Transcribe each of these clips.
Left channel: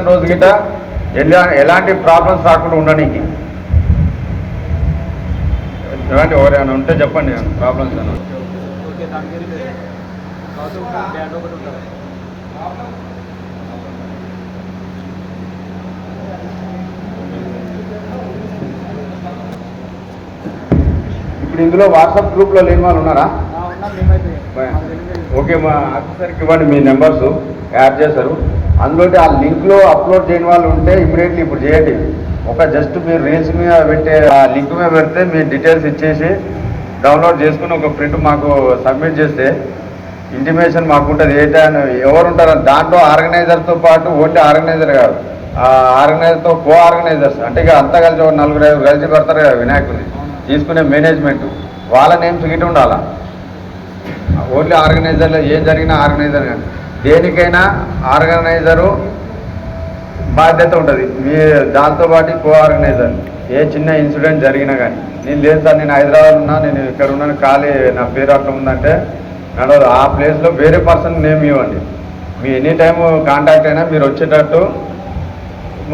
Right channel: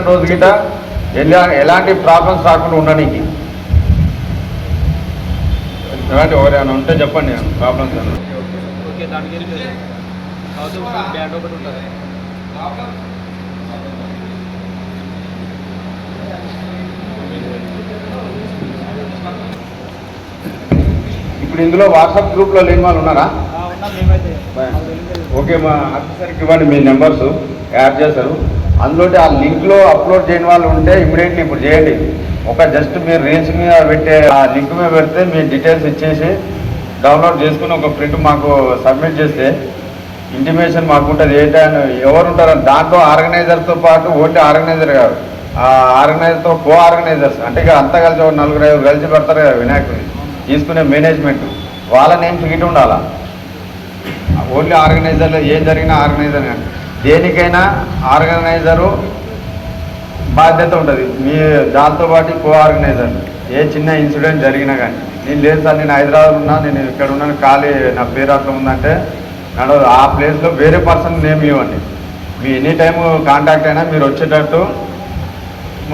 Immersion రోజు గిట ఎలా ఎలాంటి ప్రాబ్లమ్స్ రాకుండా ఉండడానికి ఎలాంటి ఎవరైనా ఉంటే చెప్పండి ప్రాబ్లమ్స్ బ్యాండ్ ఒకటి ఉంటుంది. ఇప్పుడు ఇందులో వాట్సాప్ గ్రూప్లో లేని వాళ్ళు ఉన్నారా? ఓకే మా ఆఫీసర్కి ఇవ్వండి మీ నెంబర్స్ యాడ్ చేస్తారు. అందులో ఆ లింక్లో అప్లోడ్ చేయని వాళ్ళు ఉంటే ఇమీడియట్లీ ఇప్పుడు చేయండి. ఒక జస్ట్ మీరు రీల్స్ మీద పెట్టే ఆ లింక్ మీద పెడితే మీ డీటెయిల్స్ ఇచ్చేసి డౌన్లోడ్ చేసుకుని ఒక ప్రింట్ మాకు సబ్మిట్ చేస్తే ఇంటిమేషన్ మాకు ఉంటుంది ఏంటని ఎవరు ఉంటారు దాంట్లో ఆర్గనైజర్తో పాటు ఓన్లీ ఆర్గనైజర్ కాదు. ఆ ఆర్గనైజర్తో కో ఆర్గనైజర్స్ అంటే ఇక అంతా కలిసి ఒక నలుగురు ఐదు కలిసి పెడతారు కదా వినాయకుడిని తీసుకునే మేనేజ్మెంట్. వాళ్ళ నేమ్స్ గిట్ట ఉండాలా? ఓన్లీ ఆర్గనైజర్లో ఏం జరిగినా ఆర్గనైజర్ కానీ దేనికైనా ఆర్గనైజరు బాధ్యత ఉంటుంది. మీ దాంతో పాటు కో ఆర్గనైజర్ ఏ చిన్న ఇన్సిడెంట్ జరిగినా కానీ నేను లేదు సార్ నేను హైదరాబాద్ ఉన్నా నేను ఇక్కడ ఉన్నాను ఖాళీ నా పేరు అట్లా ఉందంటే నడవదు. ఆ ప్లేస్లో వేరే పర్సన్ నేమ్ ఇవ్వండి. మీ ఎనీ టైం కాంటాక్ట్ అయినా మీరు వచ్చేటట్టు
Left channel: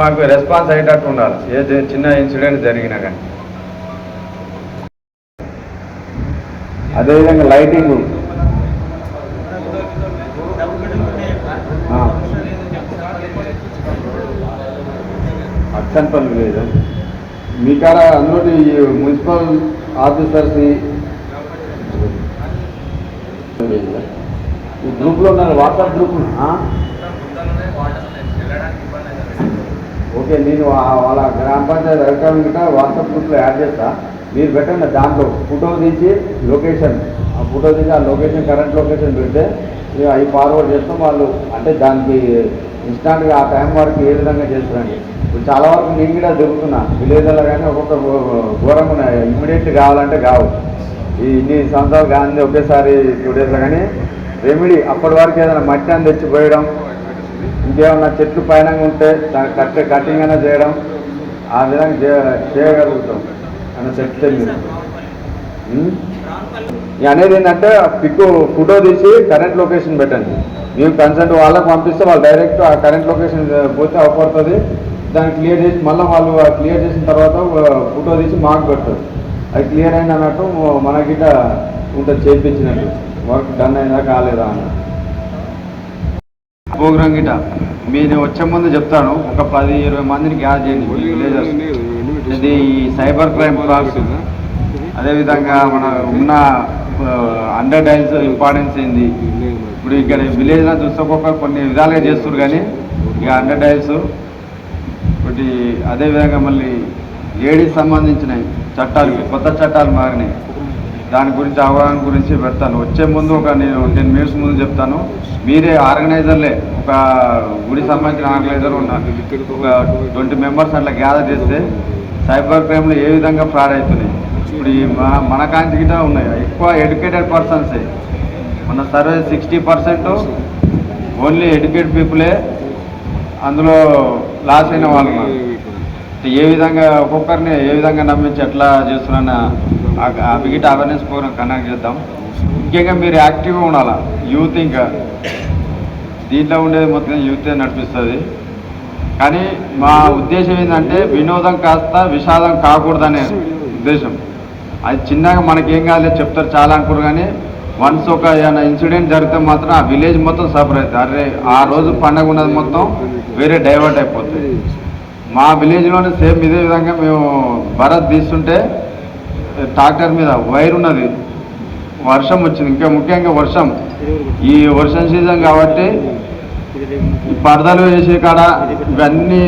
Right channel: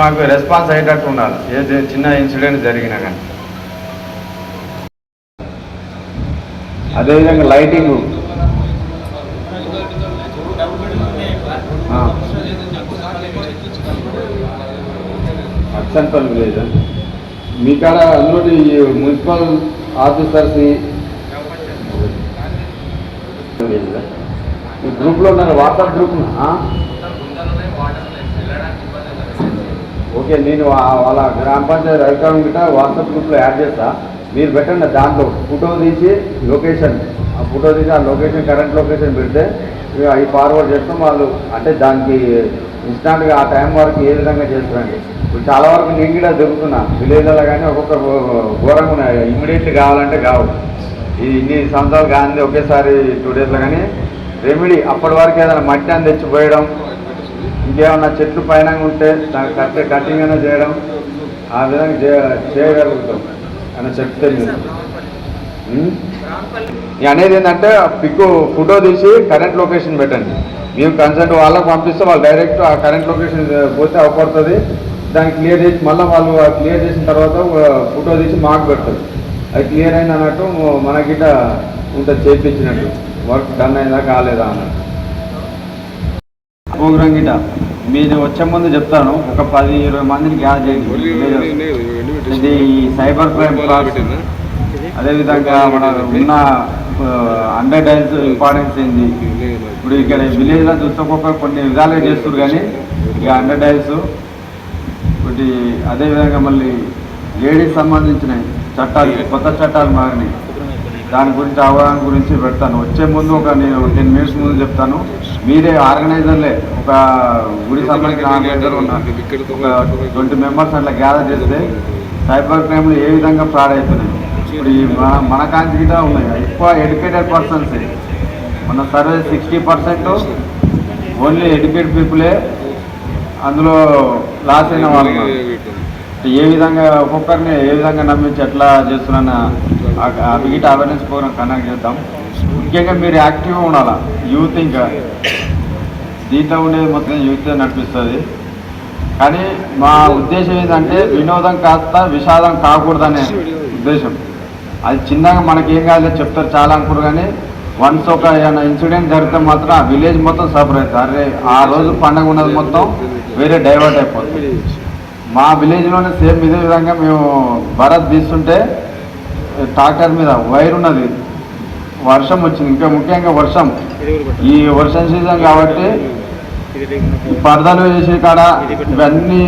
మాకు రెస్పాన్స్ అయ్యేటట్టు ఉండాలి. ఏ చిన్న ఇన్సిడెంట్ జరిగినా కానీ అదేవిధంగా lighting. Double bedroom Achampalli village. మీ కాడ అందులో మున్సిపల్ ఆఫీసర్స్ ఈ గ్రూప్లో ఉన్నారు వాట్సాప్ గ్రూప్ ఓకే నేను వాళ్ళ గ్రామ పంచాయతీ అధికారులు వాట్సాప్ గ్రూప్లో యాడ్ చేస్తా. మీరు పెట్టండి దాంట్లో ఫోటో తీసి లొకేషన్. ఆ ఫోటో తీసి ఆ లొకేషన్ కరెంట్ లొకేషన్ పెడితే ఇక అవి ఫార్వర్డ్ చేస్తాం వాళ్ళు. అంటే దానికి ఇన్స్టాంట్గా ఆ టైం వరకు ఏ విధంగా చేస్తారండి? ఇప్పుడు చాలా వరకు నేను కూడా దొరుకుతున్నా విలేజ్లో కానీ ఒక్కొక్క ఘోరంగా ఉన్నాయి. ఇమ్మీడియట్లీ కావాలంటే కావు. ఈ ఇన్ని సంవత్సరాలు కానీ ఒకేసారి టూ డేస్లో కానీ రెమెడీ అప్పటి వరకు ఏదైనా మట్టి అని తెచ్చిపోయడం ఇంకేమన్నా చెట్లు పైన ఉంటే దానికి కట్టే కటింగ్ అయినా చేయడం ఆ విధంగా చేయ- చేయగలుగుతాం. అని చెప్తే అనేది ఏంటంటే పిక్ ఫోటో తీసి కరెంట్ లొకేషన్ పెట్టండి. మీరు కన్సల్ట్ వాళ్ళకి పంపిస్తే వాళ్ళు డైరెక్ట్ ఆ కరెంట్ లొకేషన్ పోతే అవపడుతుంది. దాన్ని క్లియర్ చేసి మళ్ళీ వాళ్ళు క్లియర్ చేసిన తర్వాత ఫోటో తీసి మాకు పెడతారు. అది క్లియర్ అయింది అన్నట్టు మనకిట ఉంటుంది చేయించినట్టు వర్క్ డన్ అయిందా కాలేదా అన్నట్టు. ప్రోగ్రామ్ గిట. మీరు వచ్చే ముందు చెప్తాను. ఒక పది ఇరవై మందిని గ్యాస్ చేయండి. ఇది ఈ సైబర్ క్రైమ్ అదేవిధంగా మన ఉన్న అండర్ డైల్స్ ఇంపార్టెన్స్ ఏంది? ఇప్పుడు ఇక్కడ విలేజ్లో చూసుకోక కొన్ని విధాలుగా చేస్తారు కానీ ఇక అండర్ డైల్స్ ఒకటి అదేవిధంగా మళ్ళీ లేడీస్ సంబంధించినవి చట్టాలు కొత్త చట్టాలు మారినాయి. దాని గురించి అవగాహన గురించి పెడతాను. వచ్చే ముందు ఒక నేను టెన్ మినిట్స్ ముందు చెప్తాను. మీరే ఆర్గనైజర్లే ఒక గుడి సంబంధించిన ట్వంటీ మెంబర్స్ అట్లా గ్యాదర్ చేస్తే సైబర్ క్రైమ్లో ఏ విధంగా ఫ్రాడ్ అవుతుంది ఇప్పుడు మన మన కాంచి ఉన్నాయి. ఎక్కువ ఎడ్యుకేటెడ్ పర్సన్సే మన survey sixty percent only educated పీపులే అందులో లాస్ అయిన వాళ్ళు ఏ విధంగా ఒక్కొక్కరిని ఏ విధంగా నమ్మించి ఎట్లా చేస్తున్న మిగట అవేర్నెస్ ప్రోగ్రామ్ కండక్ట్ చేద్దాం. ముఖ్యంగా మీరు యాక్టివ్గా ఉండాలా? యూత్ ఇంకా. దీంట్లో ఉండేది మొత్తం యూతే నడిపిస్తుంది. కానీ మా ఉద్దేశం ఏంటంటే వినోదం కాస్త విషాదం కాకూడదనే ఉద్దేశం. అది చిన్నగా మనకి ఏం కాదు చెప్తారు చాలా అనుకోరు కానీ వన్స్ ఒక ఏమైనా ఇన్సిడెంట్ జరిగితే మాత్రం ఆ విలేజ్ మొత్తం సఫర్ అవుతుంది. అరే ఆ రోజు పండగ ఉన్నది మొత్తం వేరే డైవర్ట్ అయిపోతుంది. మా విలేజ్లోనే సేమ్ ఇదే విధంగా మేము భరత్ తీస్తుంటే ట్రాక్టర్ మీద వైర్ ఉన్నది. వర్షం వచ్చింది. ఇంకా ముఖ్యంగా వర్షం. ఈ వర్షం సీజన్ కాబట్టి పరదాలు వేసే కాడ ఇవన్నీ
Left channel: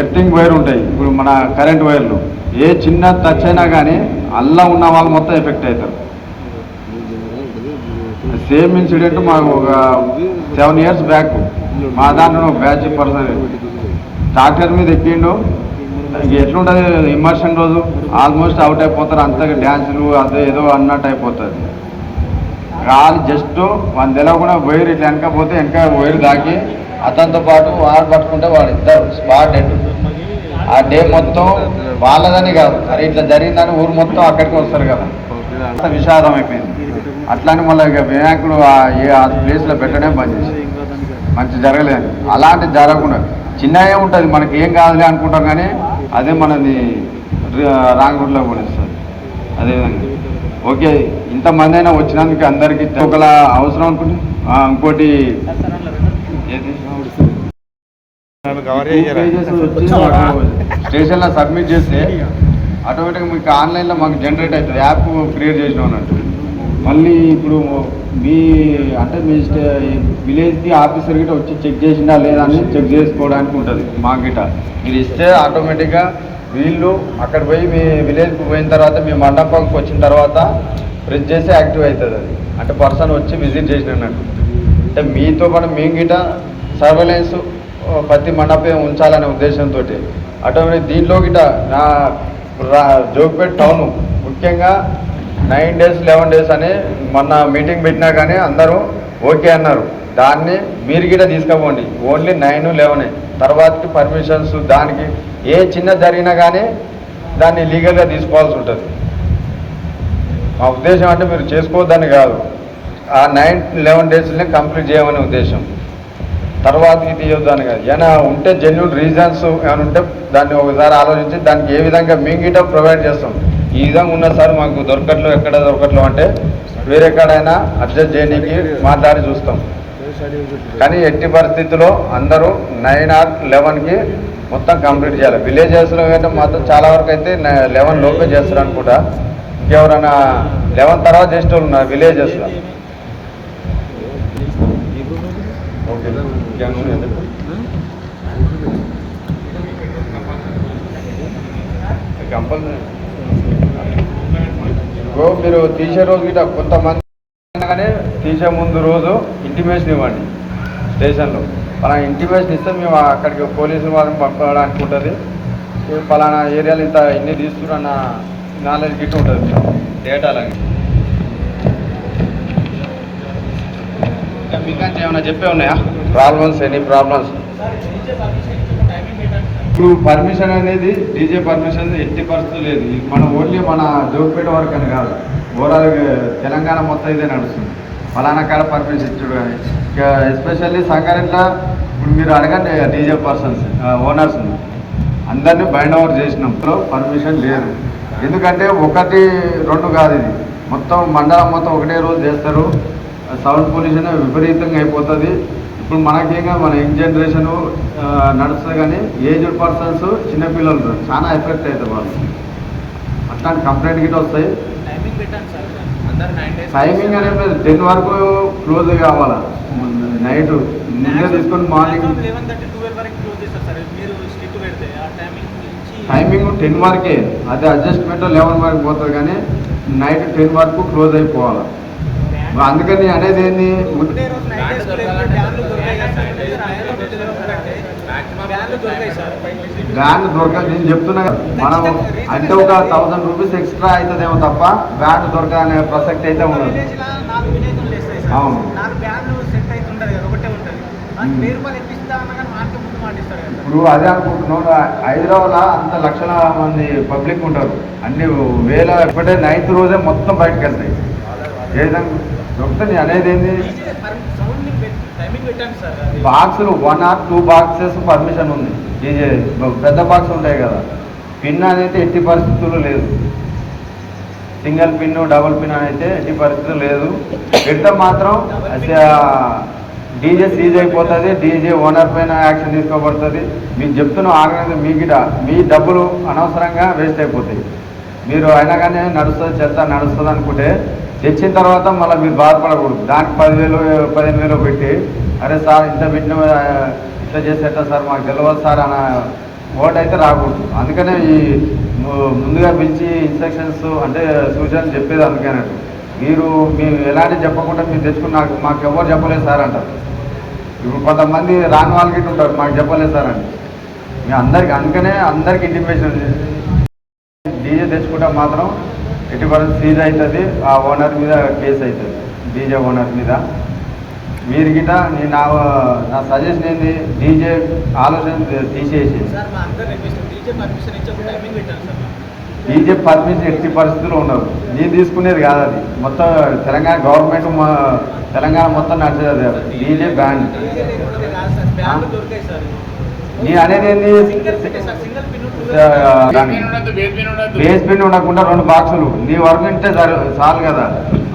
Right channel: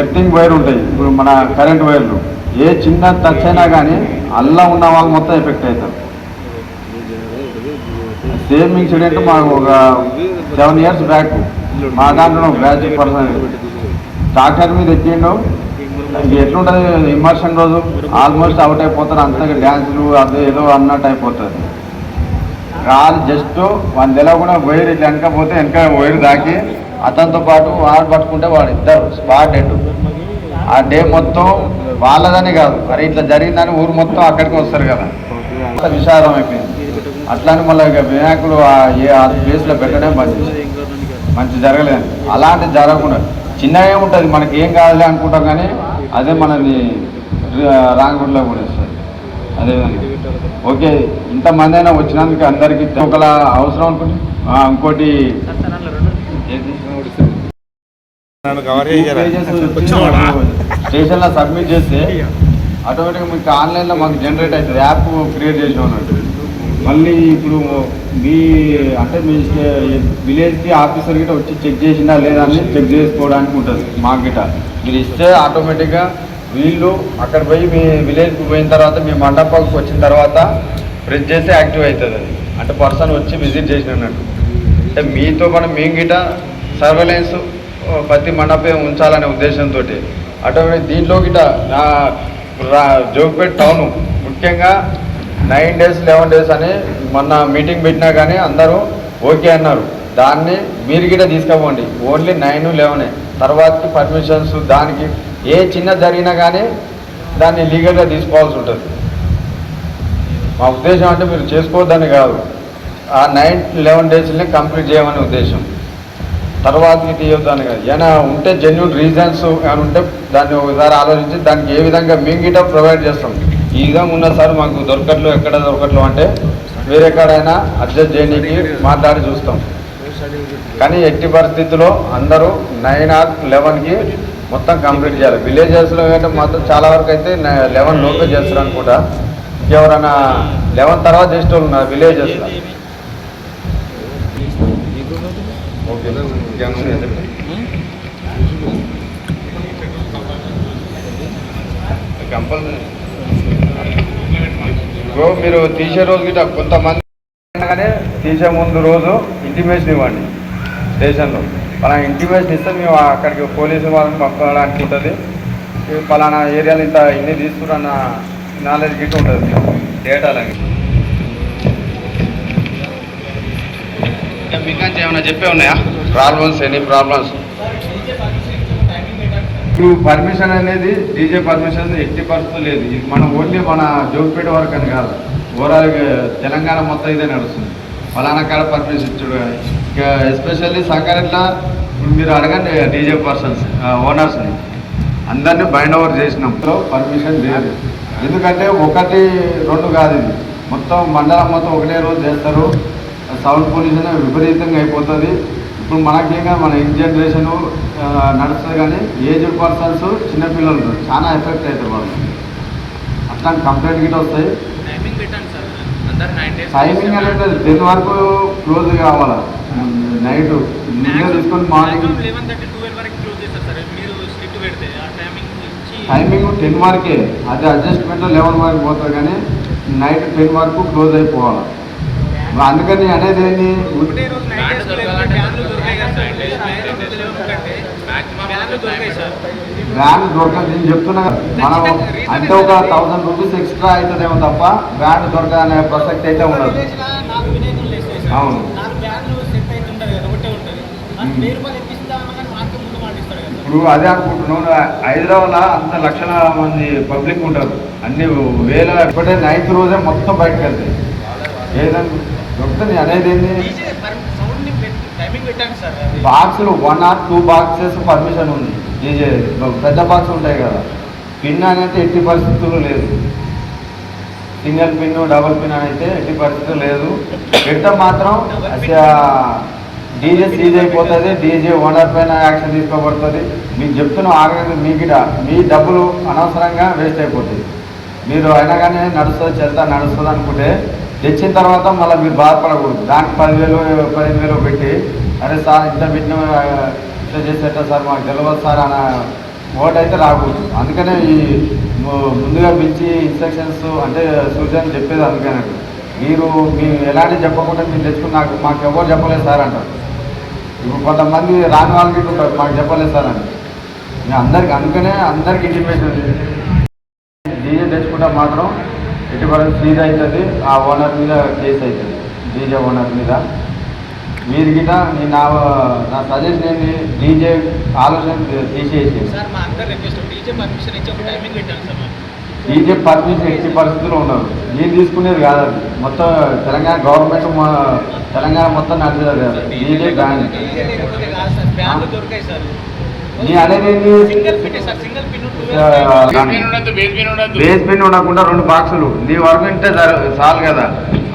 ఎర్తింగ్ వైర్ ఉంటాయి. ఇప్పుడు మన కరెంట్ వైర్లు. ఏ చిన్న టచ్ అయినా కానీ అల్లా ఉన్న వాళ్ళు మొత్తం ఎఫెక్ట్ అవుతారు. సేమ్ ఇన్సిడెంట్ మాకు ఒక సెవెన్ ఇయర్స్ బ్యాక్ మా దాంట్లో బ్యాచ్ పర్సన్ ట్రాక్టర్ మీద ఎక్కిండు. ఎట్లుంటుంది ఇమర్షన్ రోజు. ఆల్మోస్ట్ అవుట్ అయిపోతారు. అంతగా డ్యాన్సులు అదే ఏదో అన్నట్టు అయిపోతారు. రాదు జస్ట్ వాళ్ళ తెలవకుండా వైర్ ఇట్లా వెనకపోతే వెనక వైర్ దాకి. అతనితో పాటు వాడు పట్టుకుంటే వాడు ఇద్దరు స్పాట్ డెడ్. ఆ డే మొత్తం వాళ్ళదని కాదు. అరే ఇట్లా జరిగిందని ఊరు మొత్తం అక్కడికి వస్తారు కదా. అంత విషాదం అయిపోయింది. అట్లానే మళ్ళీ ఇక వినాయకుడు ఆ ఏ ఆ ప్లేస్లో పెట్టడం బంద్ మంచి జరగలేదు. అలాంటి జరగకుండా. చిన్నగా ఏముంటుంది? మనకి ఏం కాదులే అనుకుంటాం కానీ అదే మనది రాంగుడిలో కూడా సార్ అదే ఓకే ఇంతమందైనా అయినా వచ్చినందుకు అందరికీ ఒకలా అవసరం ఉంటుంది. ఇంకోటి స్టేషన్లో స్టేషన్లో సబ్మిట్ చేస్తే ఆటోమేటిక్ మీకు ఆన్లైన్లో మాకు జనరేట్ అవుతుంది. యాప్ క్రియేట్ చేసిన ఉన్నట్టు మళ్ళీ ఇప్పుడు మీ అంటే మీ విలేజ్కి ఆఫీసర్ గిట్ట వచ్చి చెక్ చేసిందా లేదా అని చెక్ చేసుకోవడానికి ఉంటుంది మా గిట్ట. మీరు ఇస్తే ఆటోమేటిక్గా వీళ్ళు అక్కడ పోయి మీ విలేజ్కి పోయిన తర్వాత మీ మండపంకి వచ్చిన తర్వాత ప్రెస్ చేస్తే యాక్టివ్ అవుతుంది అది. అంటే పర్సన్ వచ్చి విజిట్ చేసినట్టు. అంటే మీతో పాటు మేము గిట సర్వేలెన్స్ ప్రతి మండపం ఉంచాలనే ఉద్దేశంతో అటువంటి దీంట్లో గిట నా రా- జోగిపేట ముఖ్యంగా నైన్ డేస్ లెవెన్ డేస్ అని మొన్న మీటింగ్ పెట్టినా కానీ అందరూ ఓకే అన్నారు. దాన్ని మీరు గిట్ట తీసుకోపోండి. Only nine eleven. తర్వాతకి పర్మిషన్స్ దానికి. ఏ చిన్న జరిగినా కానీ దాన్ని లీగల్గా తీసుకోవాల్సి ఉంటుంది. మా ఉద్దేశం అంటే మీరు చేసుకోవద్దని కాదు. ఆ నైన్ లెవెన్ డేస్ని కంప్లీట్ చేయమని ఉద్దేశం. తర్వాతకి తీయొద్దని కాదు. ఏమైనా ఉంటే జెన్యున్ రీజన్స్ ఏమైనా ఉంటే దాన్ని ఒకసారి ఆలోచించి దానికి ఏ విధంగా మేము గిట్ట ప్రొవైడ్ చేస్తాం. ఈ విధంగా ఉన్న సార్ మాకు దొరకట్లు ఎక్కడ దొరకట్లు అంటే వేరెక్కడైనా అడ్జస్ట్ చేయడానికి మాట్లాడి చూస్తాం. కానీ ఎట్టి పరిస్థితుల్లో అందరూ నైన్ ఆర్ లెవెన్కి మొత్తం కంప్లీట్ చేయాలి. విలేజెస్లో అయితే మాత్రం చాలా వరకు అయితే లెవెన్ లోపే చేస్తారు అనుకుంటా. ఇంకెవరైనా లెవెన్ తర్వాత చేస్తారు ఉన్నారు విలేజెస్లో ఓకే. కంపల్సరీ. ఇప్పుడు మీరు తీసే రోజు గిట్ట కొంతమంది రాగానే తీసే ముందు రోజు ఇంటిమేషన్ ఇవ్వండి. స్టేషన్లో. పలానా ఇంటిమేషన్ ఇస్తే మేము అక్కడికి పోలీసు వాళ్ళని పంపడానికి ఉంటుంది. పలానా ఏరియాలో ఇంత ఇన్ని తీసుకున్న నాలెడ్జ్ గిట్ ఉంటుంది డేటా లాగా. ఇంకా ఏమైనా చెప్పే ఉన్నాయా? ప్రాబ్లమ్స్ ఎనీ ప్రాబ్లమ్స్ ఇప్పుడు పర్మిషన్ అనేది డీజే పర్మిషన్ ఎట్టి పరిస్థితులు లేదు. ఇది మన ఓన్లీ మన జోక్పేట వరకు అని కాదు. ఓవరాల్ తెలంగాణ మొత్తం ఇదే నడుస్తుంది. ఫలానా కాడ పర్మిషన్ ఇచ్చుడు. ఎస్పెషల్లీ సంగారెడ్ల ఇప్పుడు మీరు అడగండి డీజే పర్సన్స్ ఓనర్స్ని అందరినీ బైండ్ ఓవర్ చేసినప్పుడు పర్మిషన్ లేదు. ఎందుకంటే ఒకటి రెండు కాదు ఇది. మొత్తం మండలం మొత్తం ఒకటే రోజు చేస్తారు. సౌండ్ పొల్యూషన్ విపరీతంగా అయిపోతుంది. ఇప్పుడు మనకేగా మన యంగ్ జనరేషన్ నడుస్తుంది కానీ ఏజ్డ్ పర్సన్స్ చిన్నపిల్లలు ఉంటారు చాలా ఎఫెక్ట్ అవుతారు వాళ్ళు. అట్లాంటి కంప్లైంట్ గిట్ట వస్తాయి. టైమింగ్ అనేది టెన్ వరకు క్లోజ్ కావాలి? నైట్ ముందే తీసుకొని మార్నింగ్ లెవెన్ థర్టీ ట్వెల్వ్ వరకు క్లోజ్ చేస్తారు సార్. మీరు స్ట్రిక్ట్ పెడితే ఆ టైమింగ్ టెన్ వరకే. అది అడ్జస్ట్మెంట్ లెవెన్ వరకు పోతుంది కానీ నైట్ టెన్ వరకు క్లోజ్ అయిపోవాలి? అందుకని అనేది ఏంది ఒకటే రోజు నైట్ బ్యాండ్ వేసుకునే దొరకాలంటే బ్యాండ్లు దొరికాయి కదా సార్ బ్యాండ్లు దొరికాయి సార్ బ్రాండ్ దొరకదు నేను చెప్తున్నా మనం అంటే ఒక థౌసండ్ రూపీస్ ఎక్స్ట్రా అవుతుందేమో తప్ప బ్రాండ్ దొరకదనే ప్రసక్తి అయితే ఉండదు. అవును. ఇప్పుడు అదే అనుకుంటున్నాను హైదరాబాద్ అంత లక్షల మంది పబ్లిక్ ఉంటారు. అన్ని వేల ఒకటే నైన్త్ రోజే మొత్తం బయటకు వెళ్తాయి. ఏదైనా దొరుకుతుంది అనేది అది బాక్సులు one or two boxes permission ఉంది. డీజే పెద్ద బాక్స్ ఉంటాయి కదా. పిన్ అనేది ఎట్టి పరిస్థితుల్లో లేదు. సింగిల్ పిన్ డబుల్ పిన్ అనేది అయితే ఎట్టి పరిస్థితులు లేదు. పెద్ద మాత్రం డీజే సీజ్ అయిపోతుంది డీజే ఓనర్ పైన యాక్షన్ తీసుకోబడుతుంది. మీకు చెప్తున్న ఆగంగా మీ మీ డబ్బులు అనవసరంగా వేస్ట్ అయిపోతాయి. మీరు అయినా కానీ నడుస్తుంది చెత్త నడుస్తుంది అనుకుంటే తెచ్చిన తర్వాత మళ్ళీ మీరు బాధపడకూడదు. దానికి పదివేలు పదిహేను వేలు పెట్టి అరే సార్ ఇంత పెట్టిన ఇంత చేసి ఎట్లా సార్ మాకు తెలియదు సార్ అన్న ఓట్ అయితే రాకూడదు. అందుకనే ఈ ముందుగా పిలిచి ఇన్స్ట్రక్షన్స్ అంటే సూచనలు చెప్పేది అందుకనే మీరు మీరు ఎలాంటి చెప్పకుండా మీరు తెచ్చుకుని నాకు మాకు ఎవరు చెప్పలేదు సార్ అంటారు ఇప్పుడు కొంతమంది రాని వాళ్ళకి ఉంటారు మాకు చెప్పలేదు సార్ అని అందరికీ అందరికి అందుకనే అందరికి ఇంటిమేషన్ డీజే తెచ్చుకుంటే మాత్రం ఎటువంటి సీజ్ అవుతుంది ఆ ఓనర్ మీద కేసు అవుతుంది. డీజే ఓనర్ మీద. మీరు గిట నేను నా నా సజెషన్ ఏంటి డీజే ఆలోచన తీసేసి. డీజే పర్మిషన్ ఇచ్చి పరిస్థితుల్లో ఉండదు నేను తీసుకునేది కాదు అది. మొత్తం తెలంగాణ గవర్నమెంట్ తెలంగాణ మొత్తం నడిచేది డీజే బ్యాన్. నేను అనేది single pin sir single pin base pin ఉండకుండా రెండు బాక్సులు నీ వరకు ఉంటే జరు- చాలు కదా.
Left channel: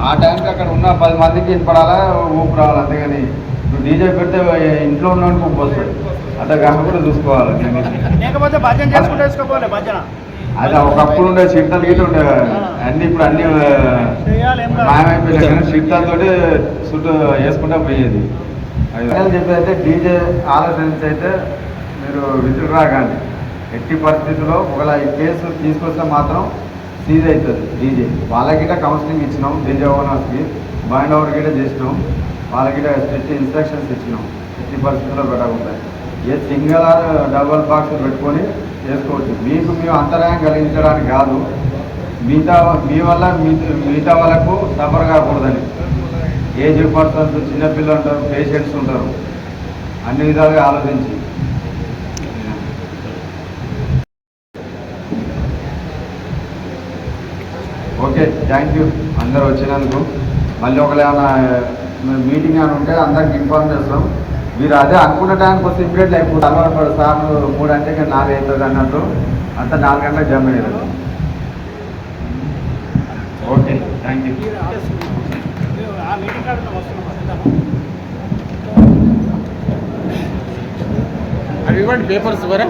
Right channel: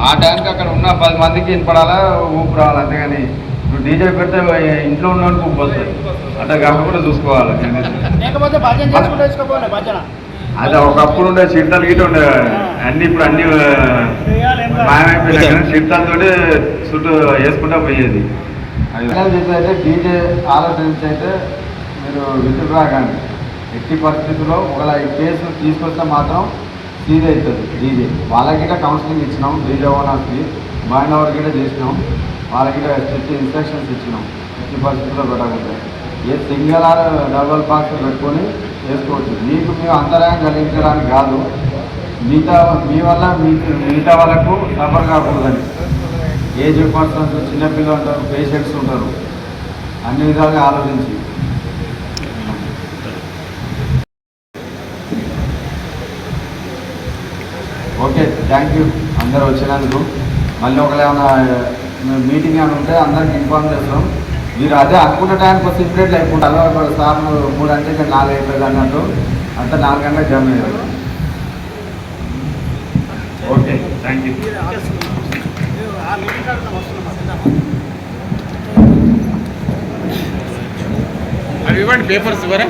ఆ టైంకి అక్కడ ఉన్న పది మందికి వినపడాలా? ఊపు రావాలి? అంతేగాని ఇప్పుడు డీజే పెడితే ఇంట్లో ఉన్న ఊపు వస్తుంది. అట్లా కాకుండా చూసుకోవాలి. అదే ఒకప్పుడు ఉండే షిట్టలు గిట్ట ఉండే. అన్ని ఇప్పుడు అన్ని. మాయమైపోయినాయి షిట్టలతో చుట్టూ వేసుకుంటా పోయేది. అయితే డీజే ఆలోచించి అయితే మీరు విత్డ్రా కానీ ఎట్టి పరిస్థితుల్లో ఒకవేళ ఈ కేసు తీసుకొస్తే మాత్రం సీజ్ అవుతుంది డీజే. వాళ్ళకి కౌన్సిలింగ్ ఇచ్చినాం డీజే ఓనర్స్కి బాండ్ ఓవర్ గిట్ట చేసినాం వాళ్ళకి స్ట్రిక్ట్ ఇన్స్ట్రక్షన్స్ ఇచ్చినాం. ఎట్టి పరిస్థితుల్లో పెట్టకుండా. ఏ సింగిల్ ఆర్ డబల్ బాక్స్ పెట్టుకొని చేసుకోవచ్చు. మీకు మేము అంతరాయం కలిగించడానికి కాదు మిగతా మీ వల్ల మీ మిగతా వాళ్ళకు సఫర్ కాకూడదని. ఏజ్ పర్సన్స్ చిన్నపిల్లలు ఉంటారు పేషెంట్స్ ఉంటారు. అన్ని విధాలుగా ఆలోచించి. ఓకే థ్యాంక్ యూ అందరూ వచ్చినందుకు. మళ్ళీ ఒకవేళ ఏమైనా మీటింగ్ ఏమైనా ఉంటే అందరికి ఇన్ఫార్మ్ చేస్తాం. మీరు అదే అనుకున్న టైంకి వస్తే లేకుండా ఒక సార్ మూడు అంటే ఇక్కడ నాలుగు అయిపోయింది అన్నట్టు. అంతా నాలుగు గంటలకు జర్నీ ఓకే థ్యాంక్ యూ అవి ఇవ్వండి పేపర్స్ ఇవ్వరా